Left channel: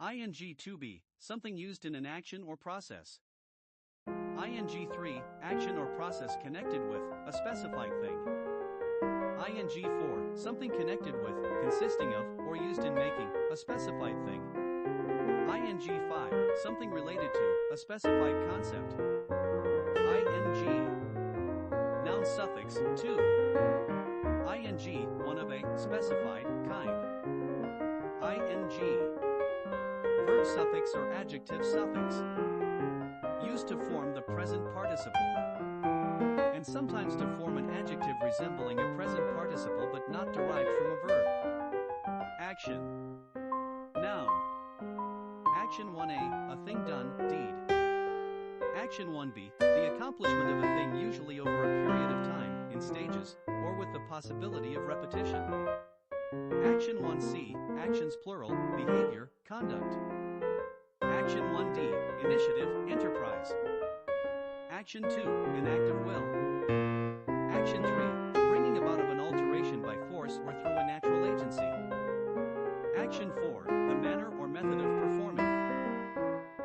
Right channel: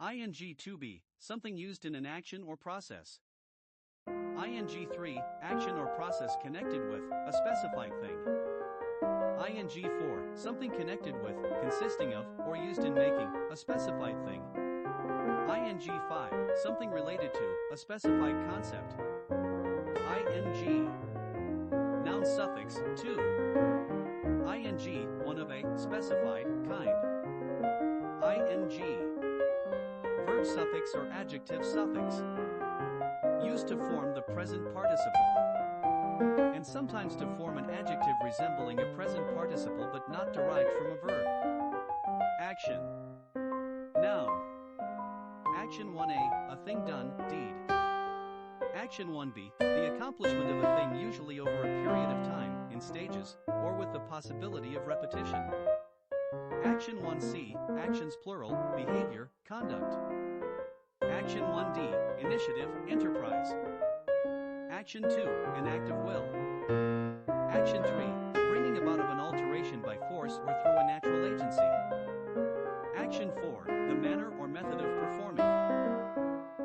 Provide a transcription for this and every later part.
ing 2b, something used in an action or process. ing 3, action or process connected with a specified thing. ing 4, something connected with, consisting of, or used in making a specified thing. ing 5, something related to a specified concept. ing, noun suffix 2. ing, one of a specified kind. ing, verb suffix or adjective suffix, used to form the present participle, and sometimes to form an adjective resembling a present participle but not derived from a verb. Action. Noun. Action 1a, a thing done, deed. Action 1b, the accomplishment of a thing usually over a period of time, in stages, or with the possibility of repetition. Action 1c, actions plural, behavior, conduct. Action 1d, initiative, enterprise. Action 2, an act of will. Action 3, the bringing about of an alteration by force or through a natural agency. Action 4, the manner or method of performing.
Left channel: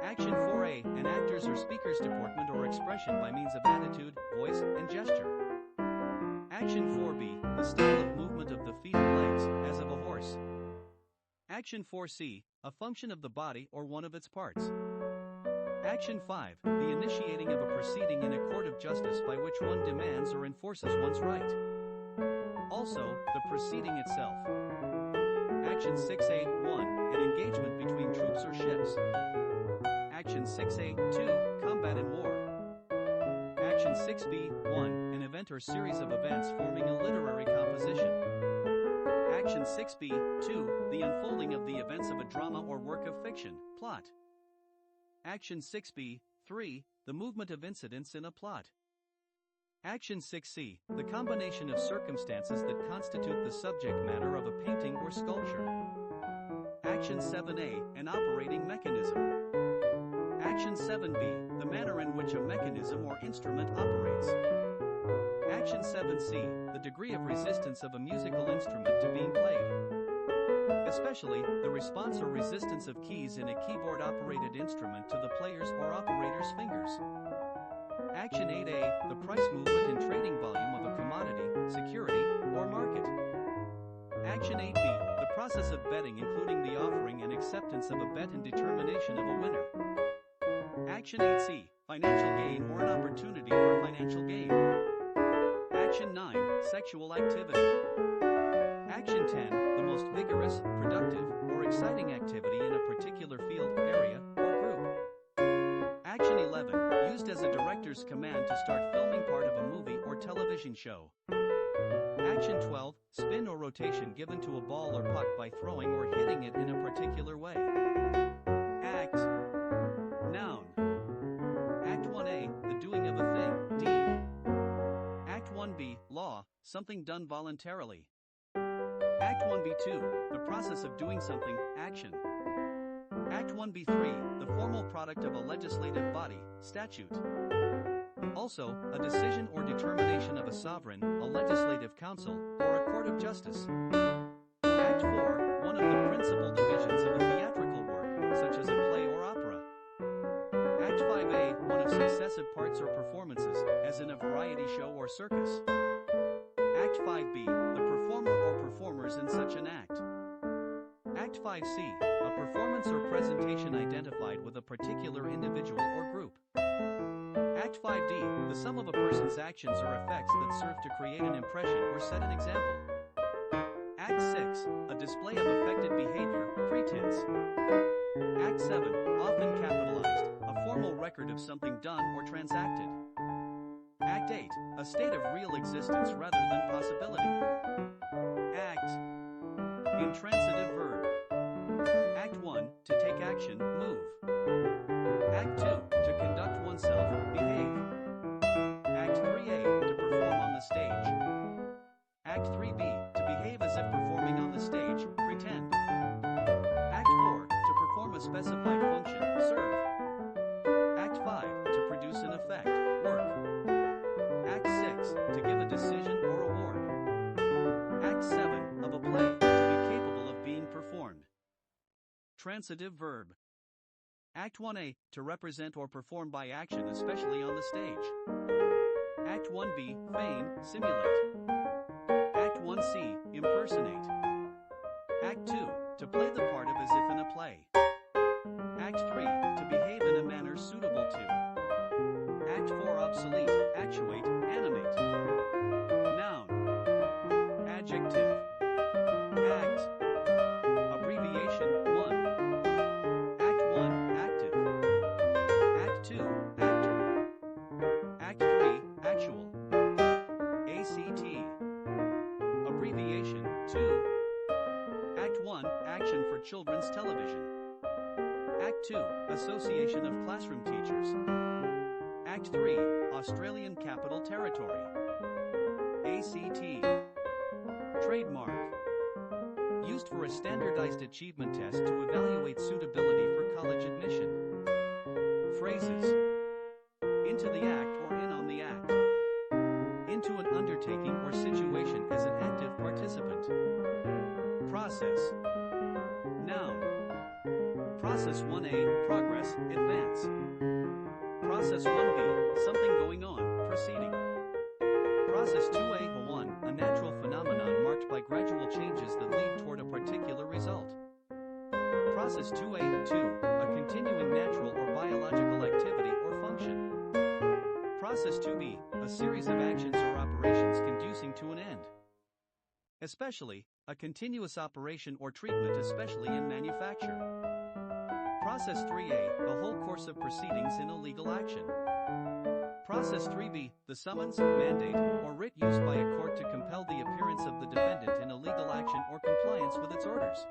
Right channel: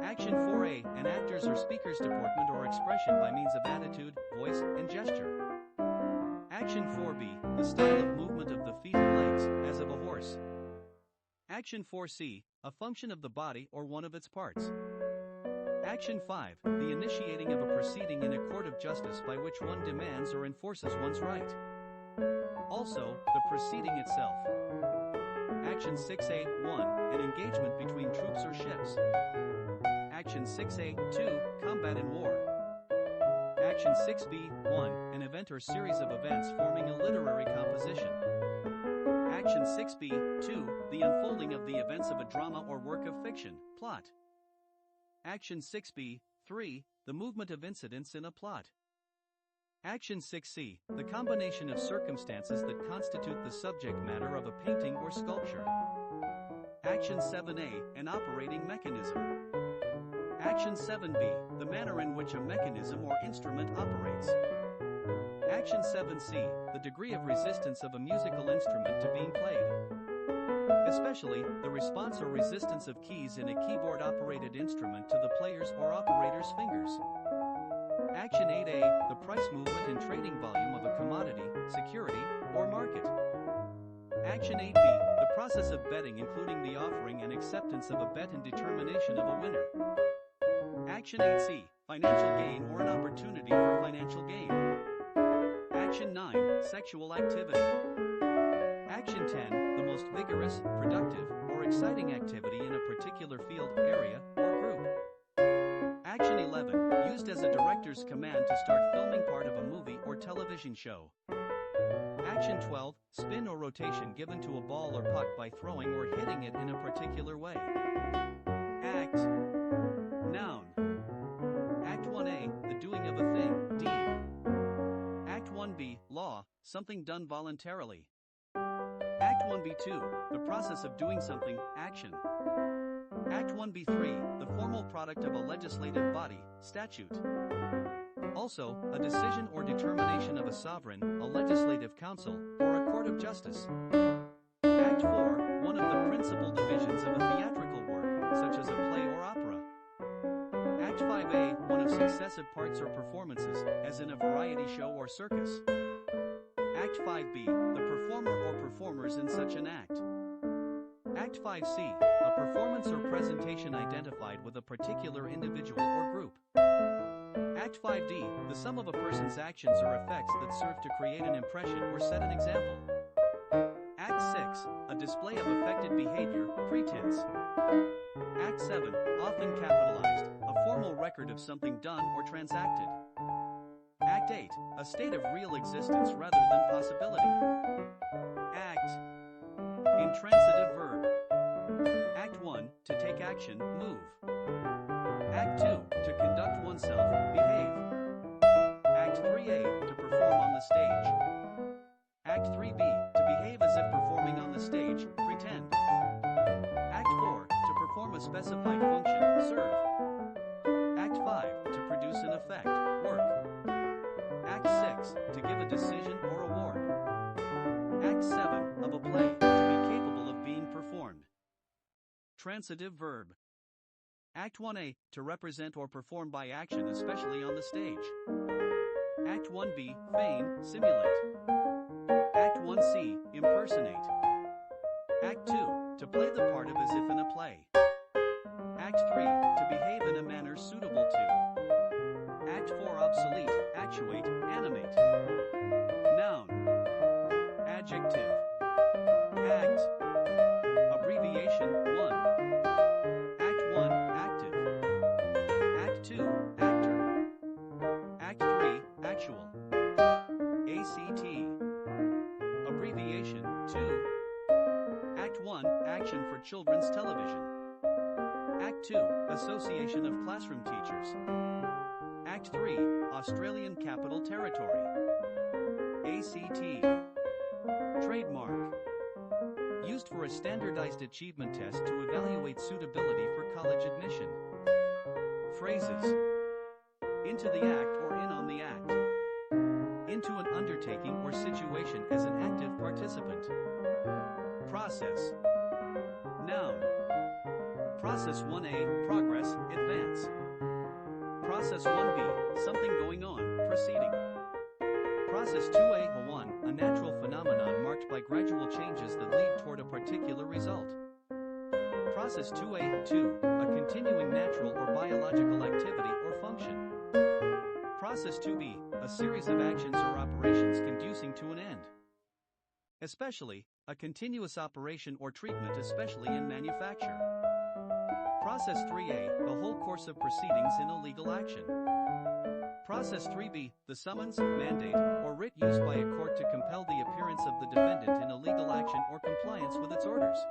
Action 4a, an actor's or speaker's deportment or expression by means of attitude, voice, and gesture. Action 4b, the style of movement of the feet and legs, as of a horse. Action 4c, a function of the body or one of its parts. Action 5, the initiating of a proceeding in a court of justice by which one demands or enforces one's right. Also, the proceeding itself. Action 6a, 1, an engagement between troops or ships. Action 6a, 2, combat in war. Action 6b, 1, an event or series of events forming a literary composition. Action 6b, 2, the unfolding of the events of a drama or work of fiction, plot. Action 6b, 3, the movement of incidents in a plot. Action 6c, the combination of circumstances that constitute the subject matter of a painting or sculpture. Action 7a, an operating mechanism. Action 7b, the manner in which a mechanism or instrument operates. Action 7c, the degree of resistance of a musical instrument to being played. Especially, the response or resistance of keys in a keyboard-operated instrument to the player's or operator's fingers. Action 8a, the price movement and trading volume of a commodity, security, or market. Action 8b, the process of betting including the offering and acceptance of a bet and determination of a winner. Action 8c, financial gain or an opportunity for financial gain. Action 9, sexual activity. Action 10, the most vigorous, productive, or exciting activity in a particular field, area, or group. Action 11, used as a director's command to start filming part of a movie or television show. Action 12, spin or rotation given to a ball or puck by throwing or hitting it in a particular way. Act. Noun. Act 1a, the doing of a thing, deed. Act 1b, law, something done voluntarily. Act 1b2, the process of doing something, action. Act 1b3, the formal product of a legislative body, statute. Also, a decision or determination of a sovereign, a legislative council, or a court of justice. Act 4, one of the principal divisions of a theatrical work, such as a play or opera. Act 5a, one of successive parts or performances, as in a variety show or circus. Act 5b, the performer or performers in such an act. Act 5c, a performance or presentation identified with a particular individual or group. Act 5d, the sum of a person's actions or effects that serve to create an impression or set an example. Act 6, a display of affected behavior, pretense. Act 7, often capitalized, a formal record of something done or transacted. Act 8, a state of real existence rather than possibility. Act. Intransitive verb. Act 1, to take action, move. Act 2, to conduct oneself, behave. Act 3a, to perform on the stage. Act 3b, to behave as if performing on the stage, pretend. Act 4, to perform a specified function, serve. Act 5, to produce an effect, work. Act 6, to give a decision or award. Act 7, of a play, to be capable of being performed. Transitive verb. Act 1A, to represent or perform by action, especially on the stage. Act 1B, feign, simulate. Act 1C, impersonate. Act 2, to play the part of as if in a play. Act 3, to behave in a manner suitable to. Act 4, obsolete, actuate, animate. Noun. Adjective. Act. Abbreviation 1. Act 1, active. Act 2, actor. Act 3, actual. ACT. Abbreviation 2. Act 1, action for children's television. Act 2, Association of Classroom Teachers. Act 3, Australian Capital Territory. ACT. Trademark. Used for a standardized achievement test to evaluate suitability for college admission. Phrases. Into the act or in on the act. Into an undertaking or situation as an active participant. Process. Noun. Process 1A, progress, advance. Process 1B, something going on, proceeding. Process 2A, a natural phenomenon marked by gradual changes that lead toward a particular result. Process 2A, a continuing natural or biological activity or function. Process 2B, a series of actions or operations conducing to an end. Especially, a continuous operation or treatment, especially in manufacture. Process 3A, the whole course of proceedings in a legal action. Process 3B, the summons, mandate, or writ used by a court to compel the appearance of the defendant in a legal action or compliance with its orders.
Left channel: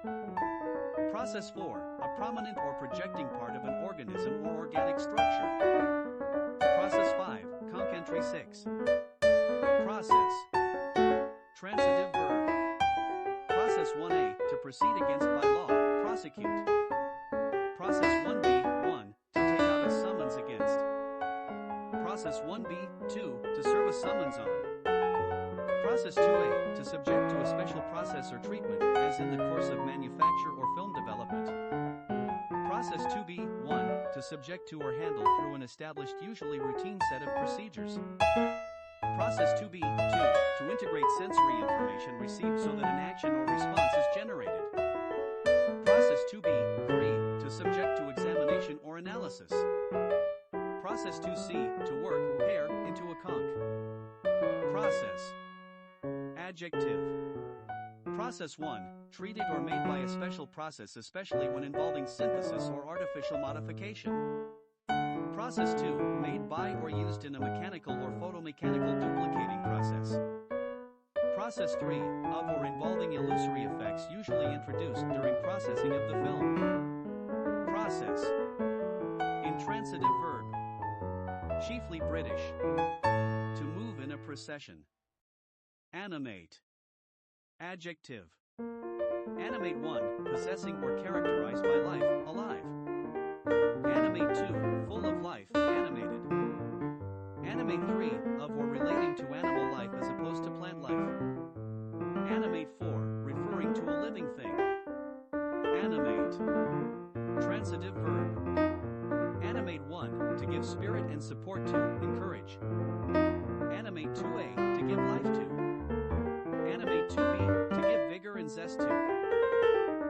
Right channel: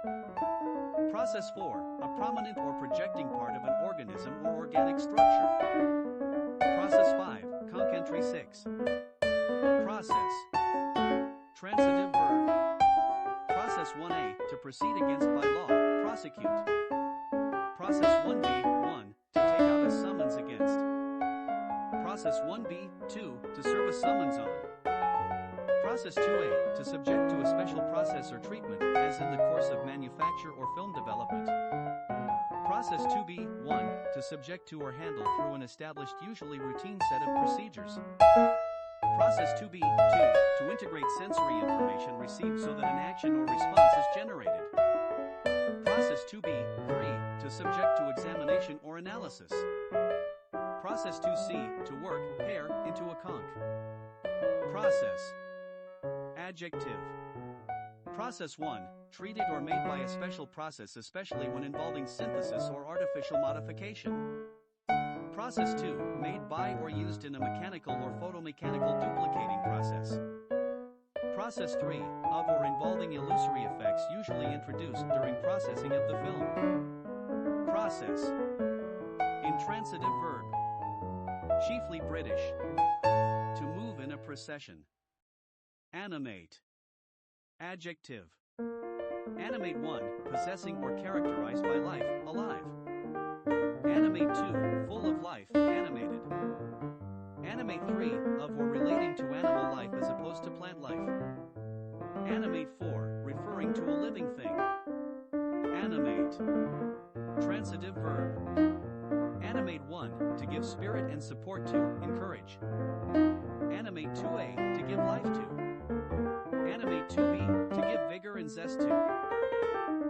Process 4, a prominent or projecting part of an organism or organic structure. Process 5, conc entry 6. Process. Transitive verb. Process 1A, to proceed against by law, prosecute. Process 1B, 1, to take out a summons against. Process 1B, 2, to serve a summons on. Process 2A, to subject to a special process or treatment, as in the course of manufacture or film development. Process 2B, 1, to subject to or handle through an established, usually routine set of procedures. Process 2B, 2, to integrate sensory information received so that an action or response is generated. Process 2B, 3, to subject to examination or analysis. Process 2C, to work, pair, into a conch. Process. Adjective. Process 1, treated or made by a special process, especially when involving synthesis or artificial modification. Process 2, made by or used in a mechanical or photomechanical duplicating process. Process 3, of or involving illusory effects usually introduced during processing of the film. Process. Intransitive verb. Chiefly British. To move in a procession. Animate. Adjective. Animate 1, possessing or characterized by life, alive. Animate 2, full of life, animated. Animate 3, of or relating to animal life as opposed to plant life. Animate 4, referring to a living thing. Animate. Transitive verb. Animate 1, to give spirit and support to, encourage. Animate 2A, to give life to. Animate 2B, to give vigor and zest to.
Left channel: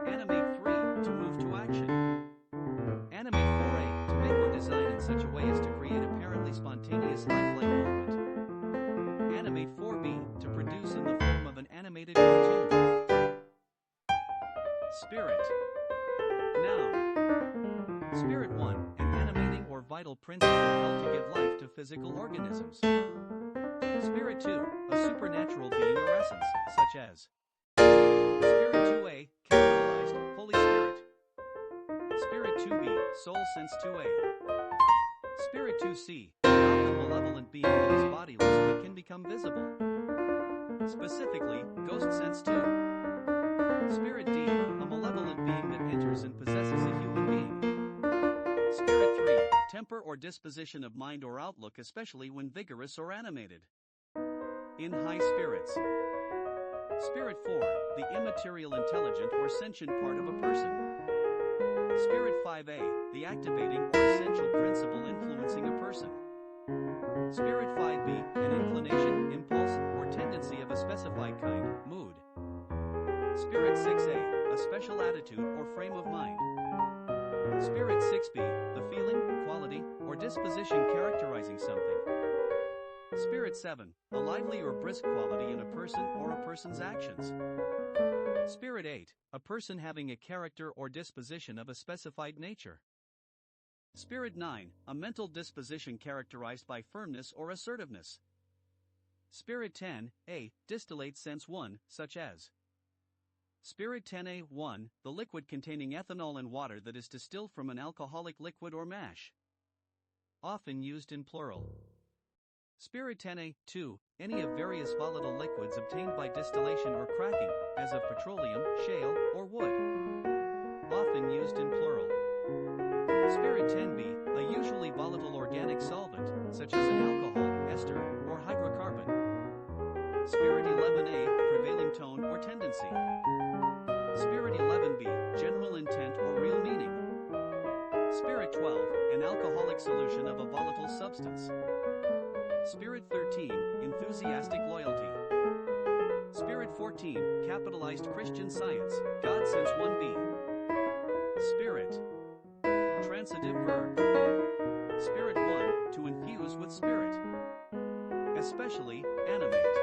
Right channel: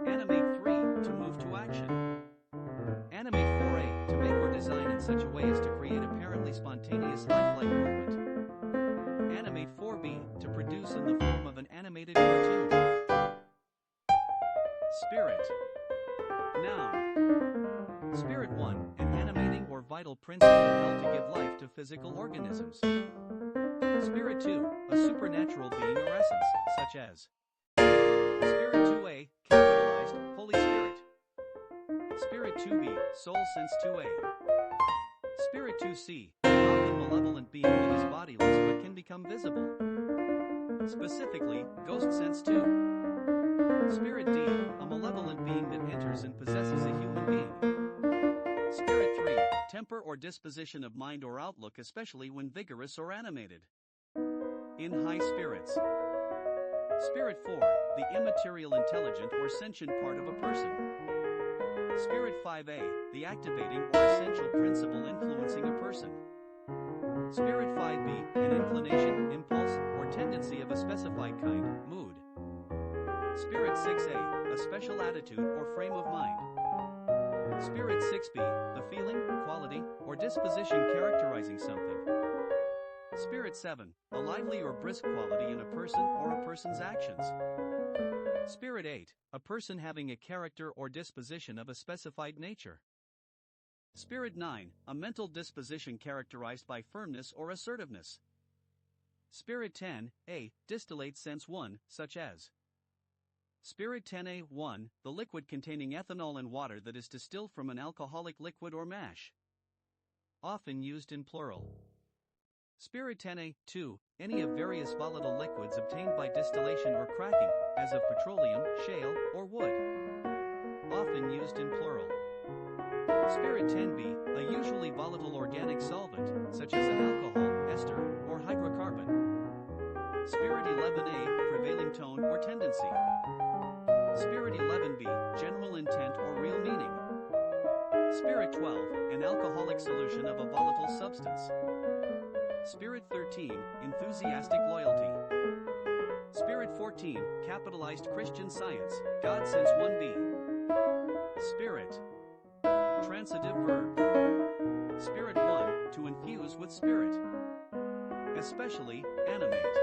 Animate 3, to move to action. Animate 4A, to make or design in such a way as to create apparently spontaneous lifelike movement. Animate 4B, to produce in the form of an animated cartoon. Spirit. Noun. Spirit 1, an animating or vital principle held to give life to physical organisms. Spirit 2, a supernatural being or essence, such as Spirit 2A, capitalized, Holy Spirit. Spirit 2B, soul sense 2A. Spirit 2C, an often malevolent being that is bodiless but can become visible. Specifically, ghost sense 2. Spirit D, a malevolent being that enters and possesses a human being. Spirit 3, temper or disposition of mind or outlook, especially when vigorous or animated. In high spirits. Spirit 4, the immaterial intelligent or sentient part of a person. Spirit 5a, the activating or essential principle influencing a person. Spirit 5b, an inclination, impulse, or tendency of a specified kind, mood. Spirit 6a, a special attitude or frame of mind. Spirit 6b, the feeling, quality, or disposition characterizing something. Spirit 7, a lively or brisk quality in a person or a person's actions. Spirit 8, a person having a character or disposition of a specified nature. Spirit 9, a mental disposition characterized by firmness or assertiveness. Spirit 10a, distillate sense 1, such as Spirit 10a1, the liquid containing ethanol and water that is distilled from an alcoholic liquid or mash. Often used in plural. Spirit 10a2, any of various volatile liquids obtained by distillation or cracking, as of petroleum, shale, or wood. Often used in plural. Spirit 10b, a usually volatile organic solvent, such as an alcohol, ester, or hydrocarbon. Spirit 11a, prevailing tone or tendency. Spirit 11b, general intent or real meaning. Spirit 12, an alcoholic solution of a volatile substance. Spirit 13, enthusiastic loyalty. Spirit 14, capitalized Christian Science, God Sense 1b. Spirit. Transitive verb. Spirit 1, to infuse with spirit. Especially, animate.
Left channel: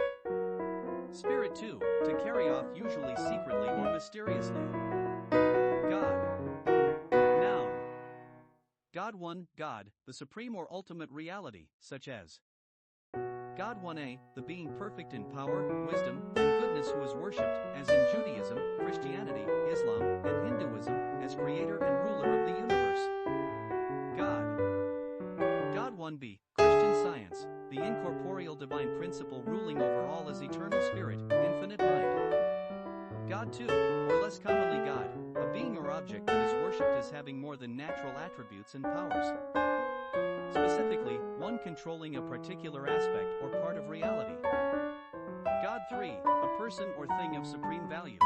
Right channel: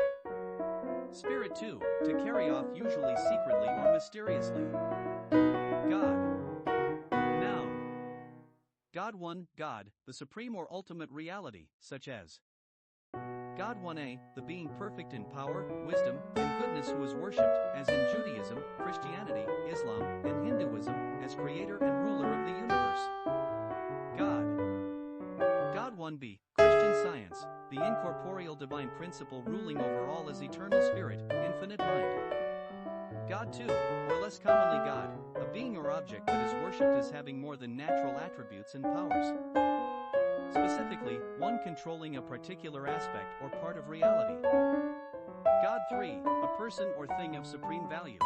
Spirit 2, to carry off usually secretly or mysteriously. God. Noun. God 1, God, the supreme or ultimate reality, such as God 1a, the being perfect in power, wisdom, and goodness who is worshipped, as in Judaism, Christianity, Islam, and Hinduism, as creator and ruler of the universe. God. God 1b, Christian Science, the incorporeal divine principle ruling over all as eternal spirit, infinite mind. God 2, or less commonly God, a being or object that is worshipped as having more than natural attributes and powers. Specifically, one controlling a particular aspect or part of reality. God 3, a person or thing of supreme value.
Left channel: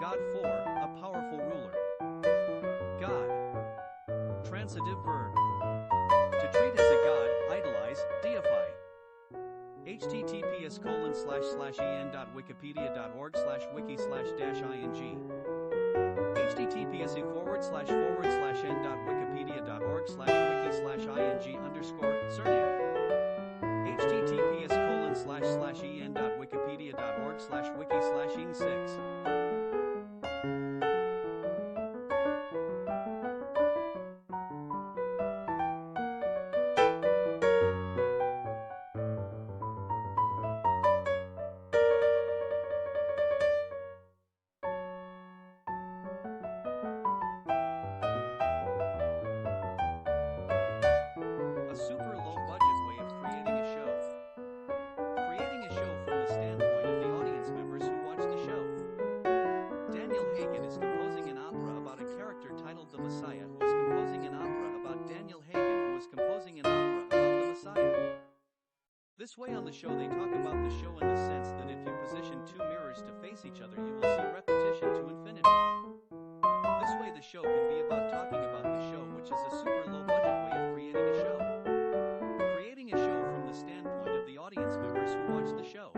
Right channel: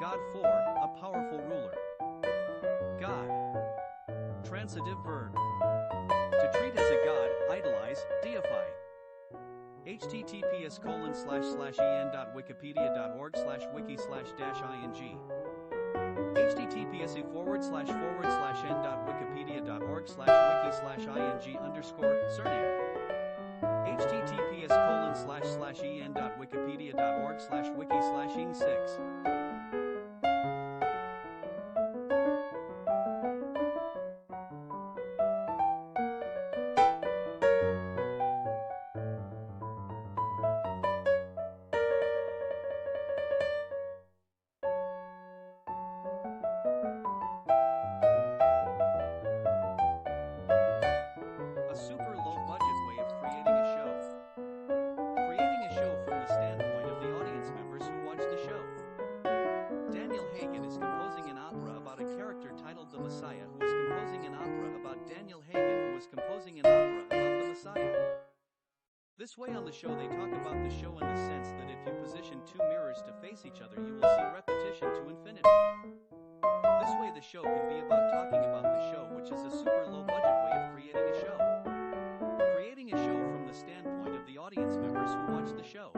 God 4, a powerful ruler. God. Transitive verb. To treat as a god, idolize, deify. https://en.wikipedia.org/wiki/-ing https://n.wikipedia.org/wiki/ing_surname https://en.wikipedia.org/wiki/ing6 A super low-budget way of creating a show. Creating a show from the standpoint of the audience members who watch the show. Daniel Hagen is composing an opera about a character titled The Messiah, who is composing an opera about Daniel Hagen, who is composing an opera about the Messiah. This way on the show they talk about the show in the sense that if you position two mirrors to face each other you will see repetition to infinity. This way the show can be about talking about the show, which is a super low-budget way of creating a show. Creating a show from the standpoint of the audience members who watch the show.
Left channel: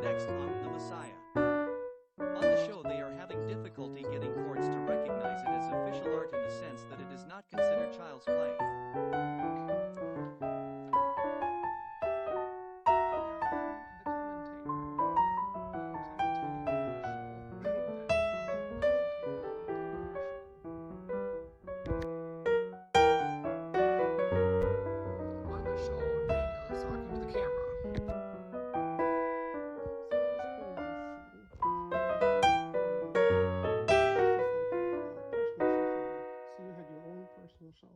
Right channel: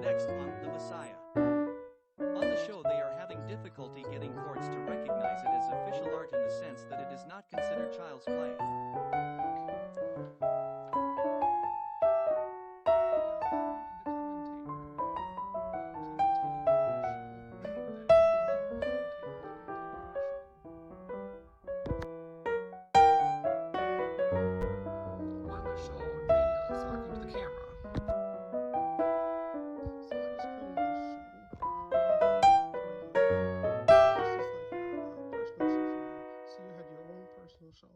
Next on The Messiah. On the show they are having difficulty getting courts to recognize it as official art in the sense that it is not considered child's play. So you had your own personal show.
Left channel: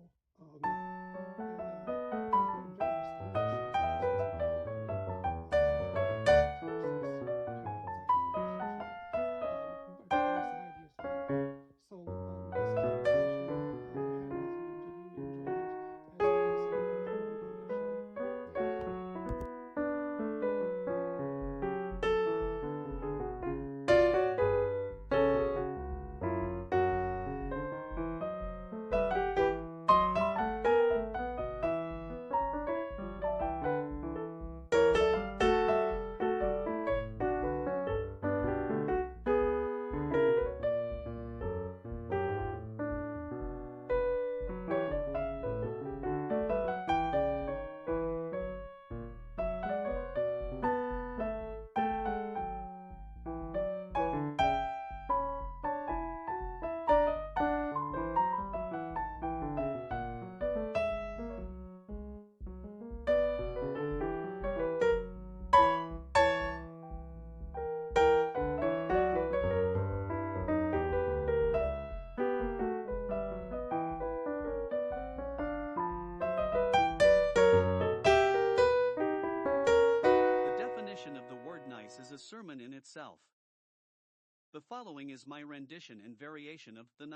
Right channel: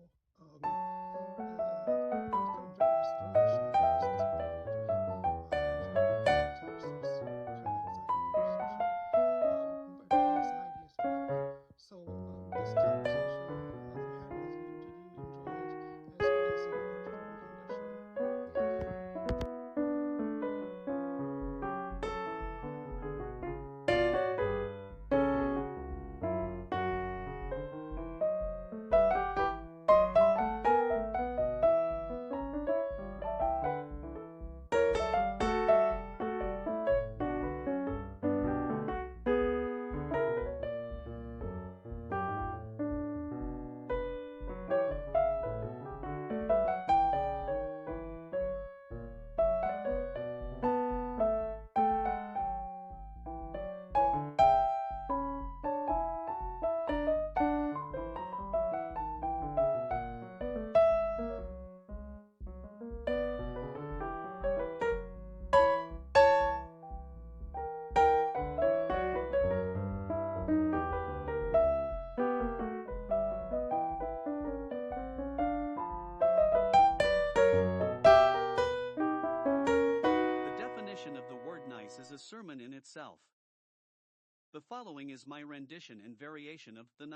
a sermon in itself. The following is my rendition and variation of the